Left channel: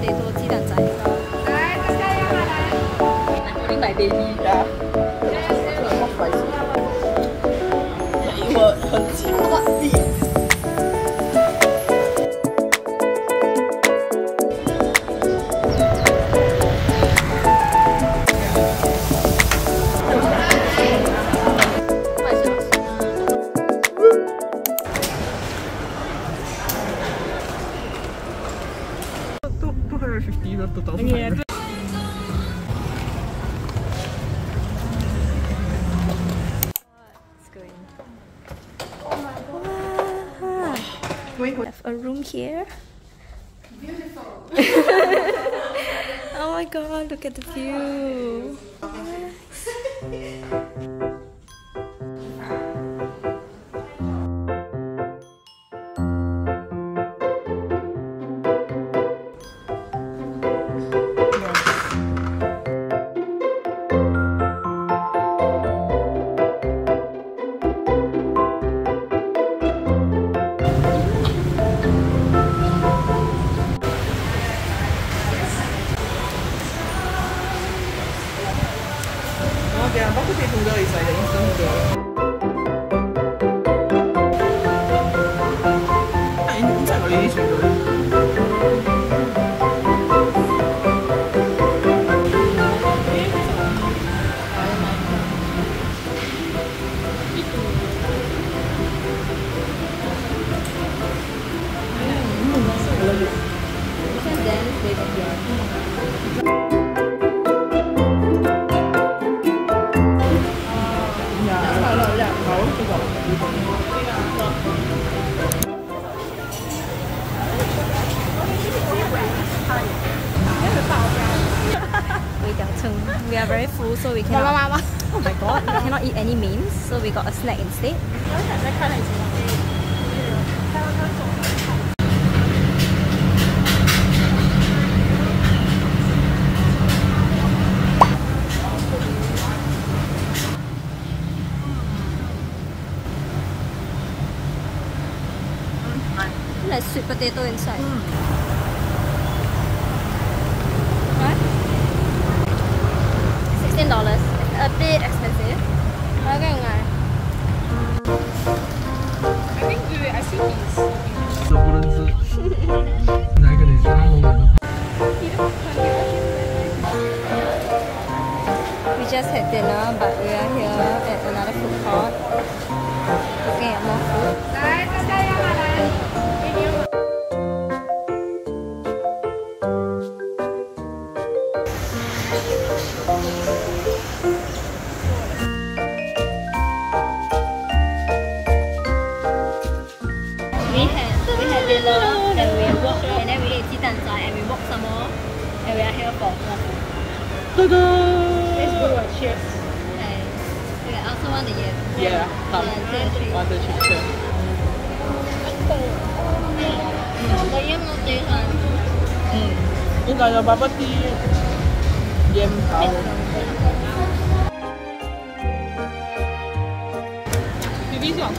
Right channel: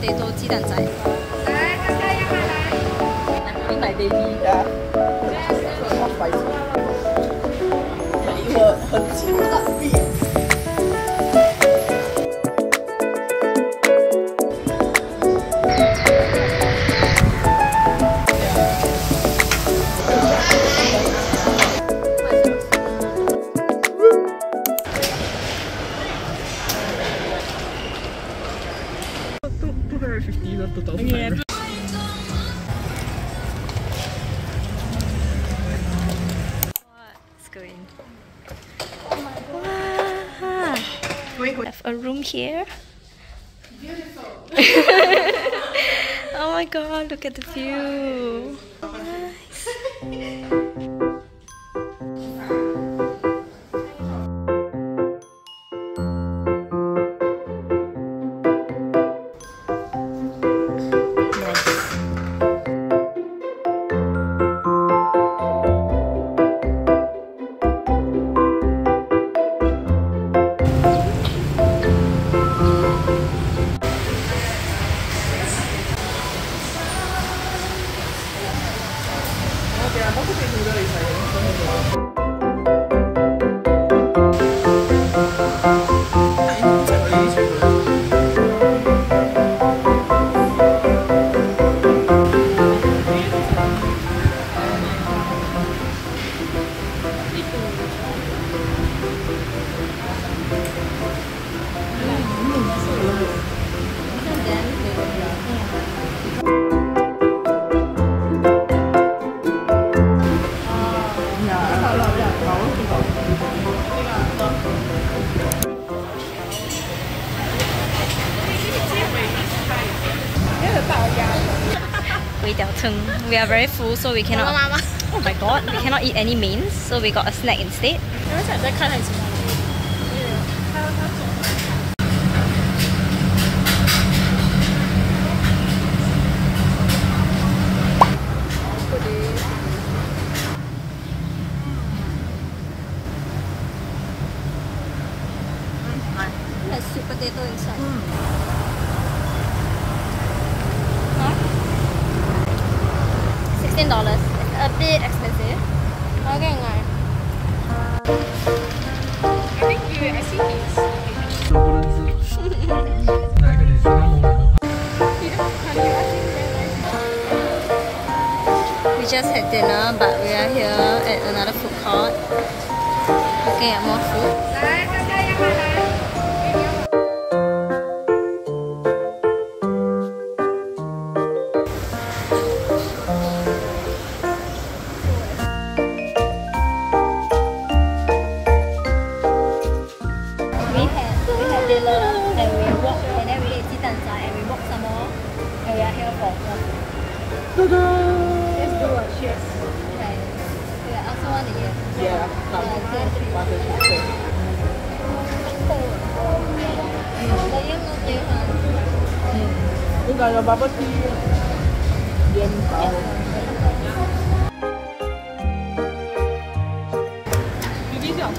potato 鸡蛋仔。来，大家要来。only my daily not spicy. 我很喜欢比。250 not 2,500. We have a room here. Beautiful. Oh my god, look at the view. Nice. We are very full, so we cannot. Oh my god, we cannot eat any mains, so we got a snack instead. There's sweet potato inside. $16. A bit expensive. Okay, I see these. We just had dinner, but we are here at another food court looking at more food. We had dinner and we walked and then we ate 鸡蛋仔 and we walked some more and we are here for more food. Let's do a cheers. Okay. I also want to eat. Yeah, come. 1, 2, 3. 1, 2, 3. The yam no taste. 應該有bubble tea 鹽頭。BB 是好貴。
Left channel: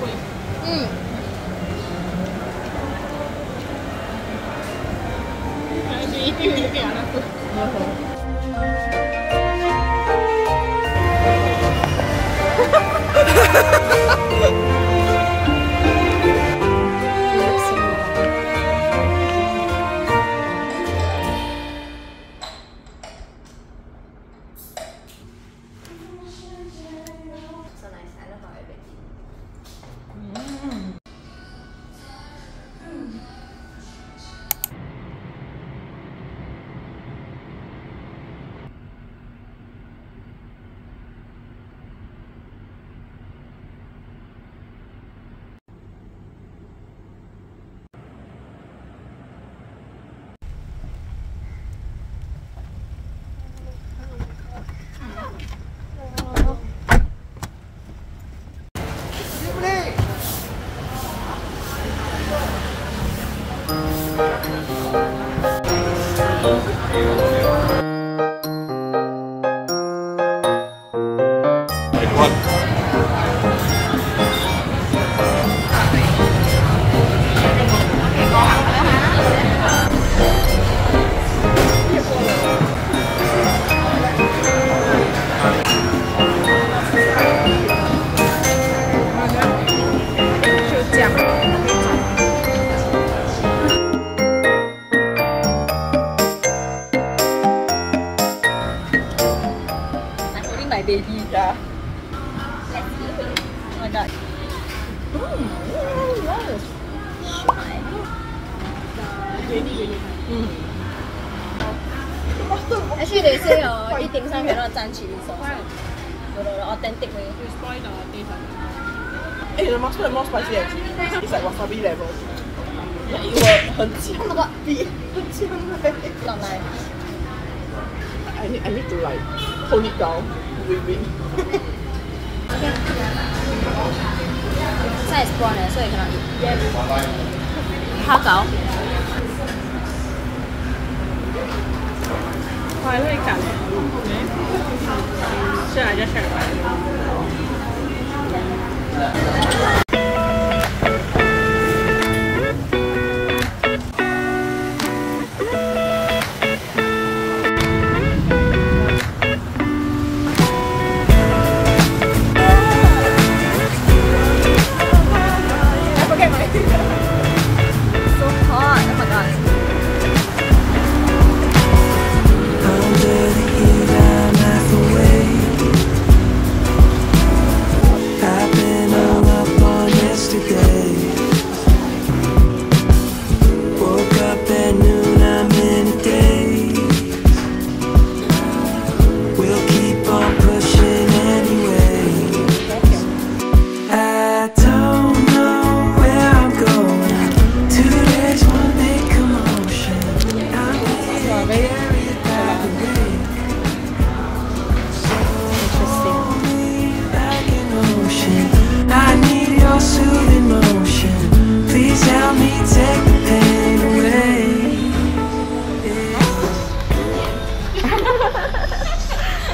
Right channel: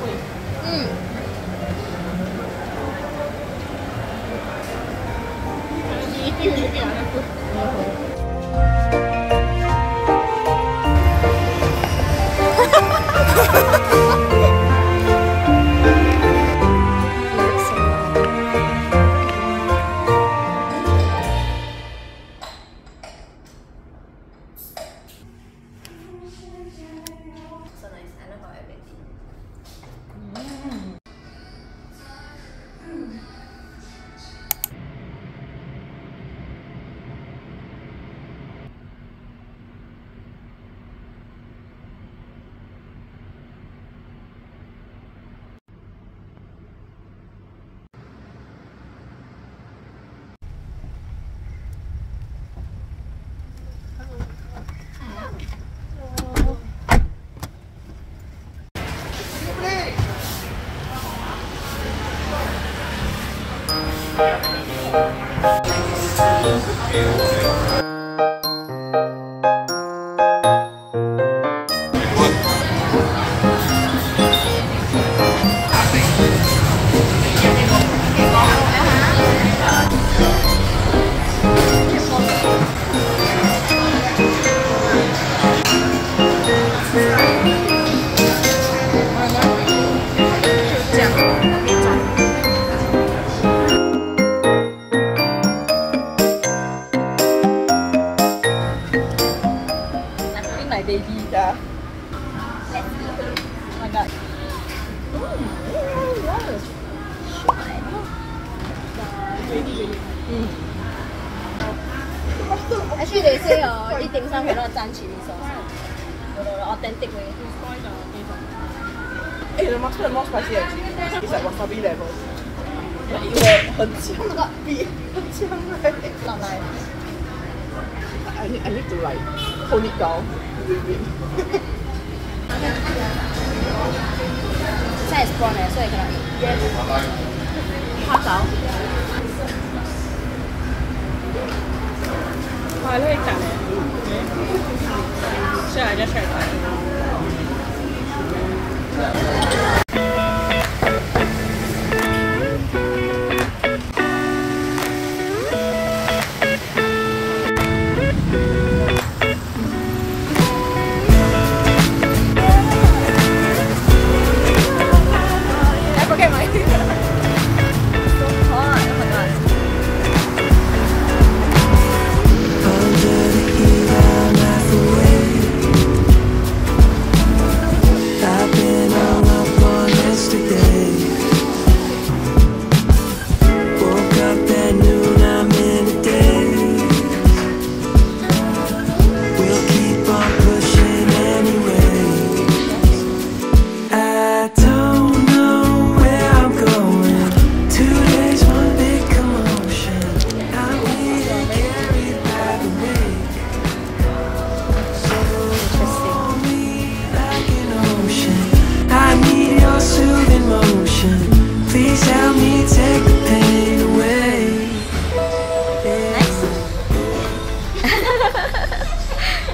god. Actually, they say eat dim sum cannot 沾 chili sauce. The authentic way. Hey, the mustard more spicy than chili. It's like wasabi level. Like, 很呛 Oh my god. 很呛 right? Not nice. I need to like hold it down. Breathe in. 现在是 prawn 所以可能蝦餃。我係可以夾嘅，所以I just try it.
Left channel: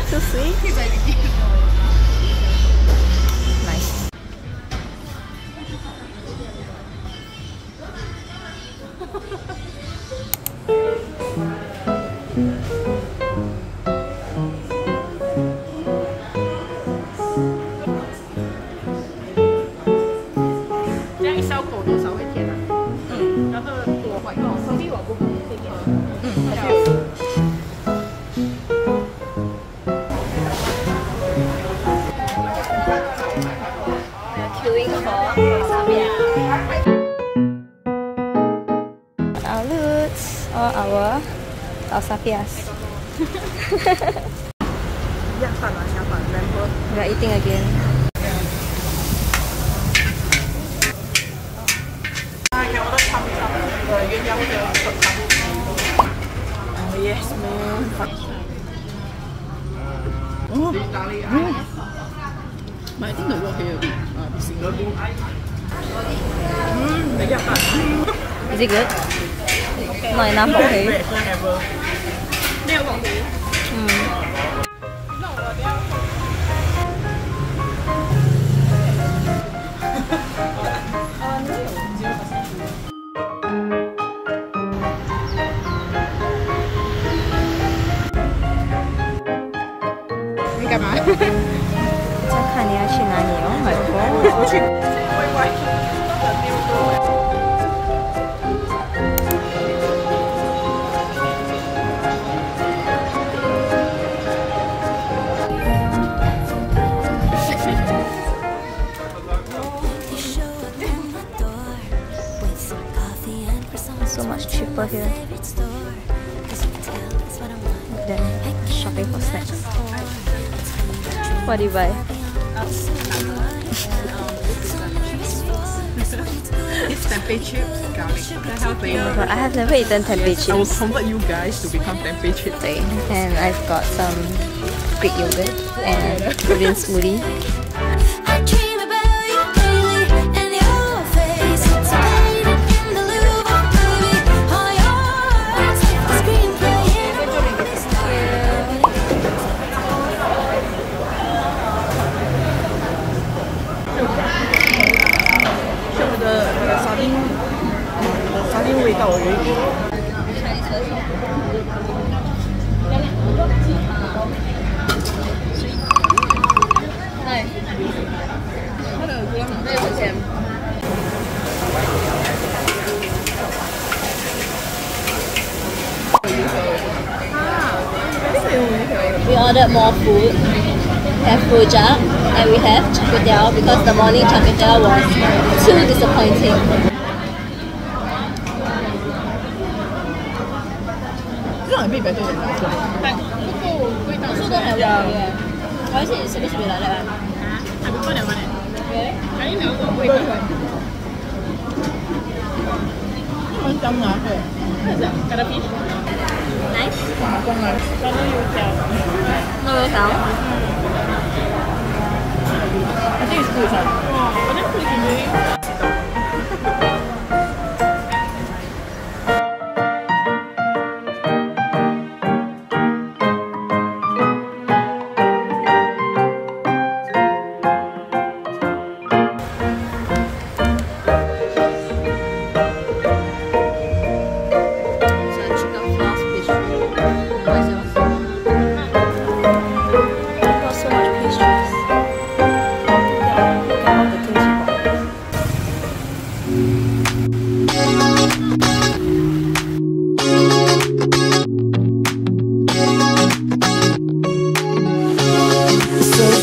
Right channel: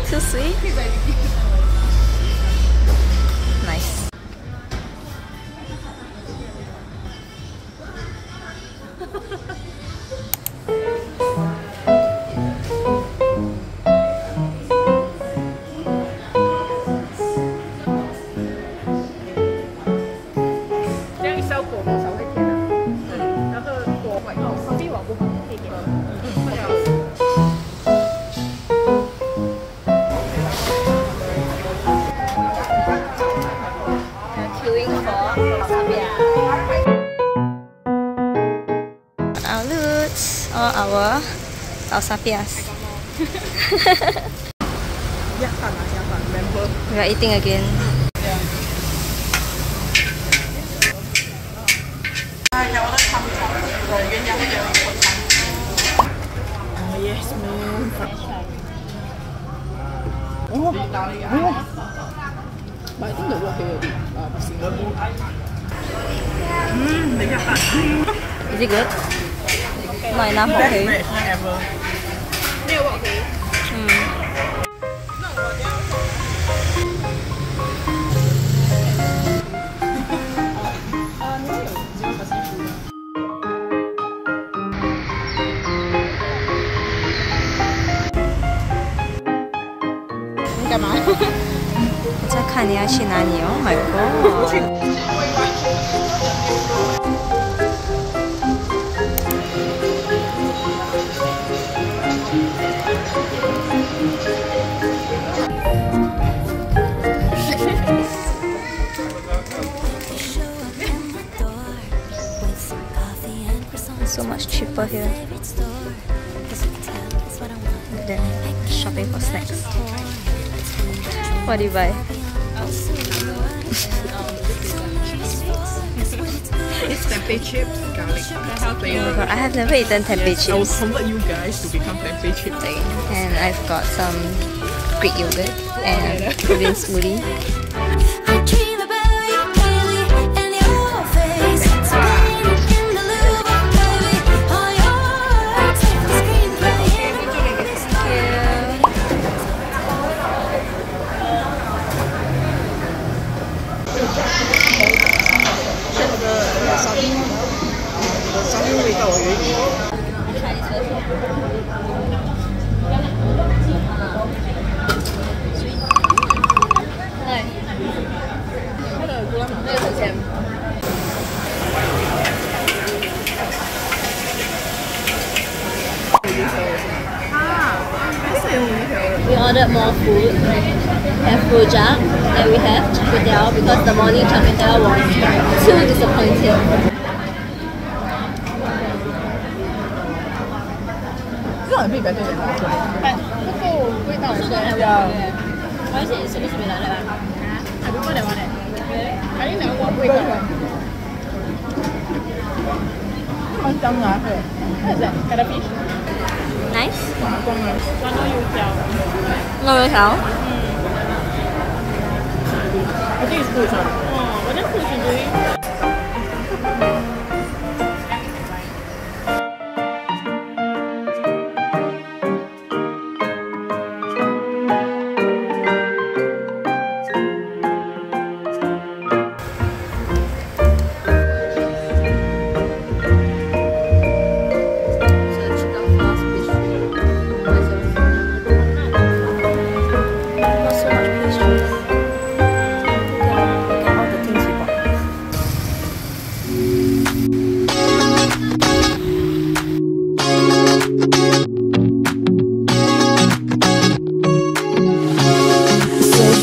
So sweet. Nice. All our Alsapias. We are eating again. Yes, man. But I think the wok here Is it good? Not enough wok hei. Never. You 干嘛？在看你要去哪里哦 ，My God！ So much cheaper here. Look at them shopping for snacks. What do you buy? It's tempeh chips, garlic. Oh my god, I have never eaten tempeh I will chips. convert you guys to become tempeh chips. And I've got some Greek yogurt and green smoothie. We ordered more food. We have rojak And we have Teow because the morning Teow was too disappointing. 这种比较对的，但不够味道出来。Why is it supposed to be like that? I don't know that one. I didn't know what味道。蛮香的，对，看一下 ，got a fish。 Nice. 光了，光了油条。No油条。I think it's good. Oh, but that's good today.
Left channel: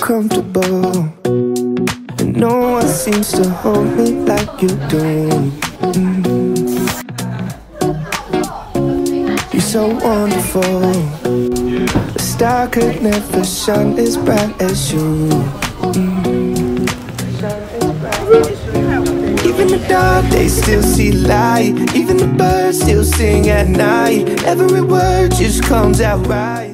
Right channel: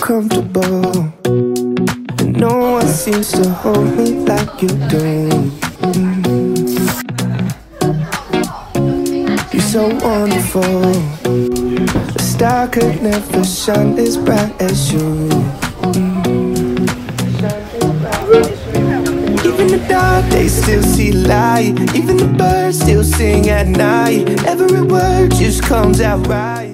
Comfortable, and no one seems to hold me like you do. You're so wonderful. A star could never shine as bright as you. Even the dark days still see light. Even the birds still sing at night. Every word just comes out right.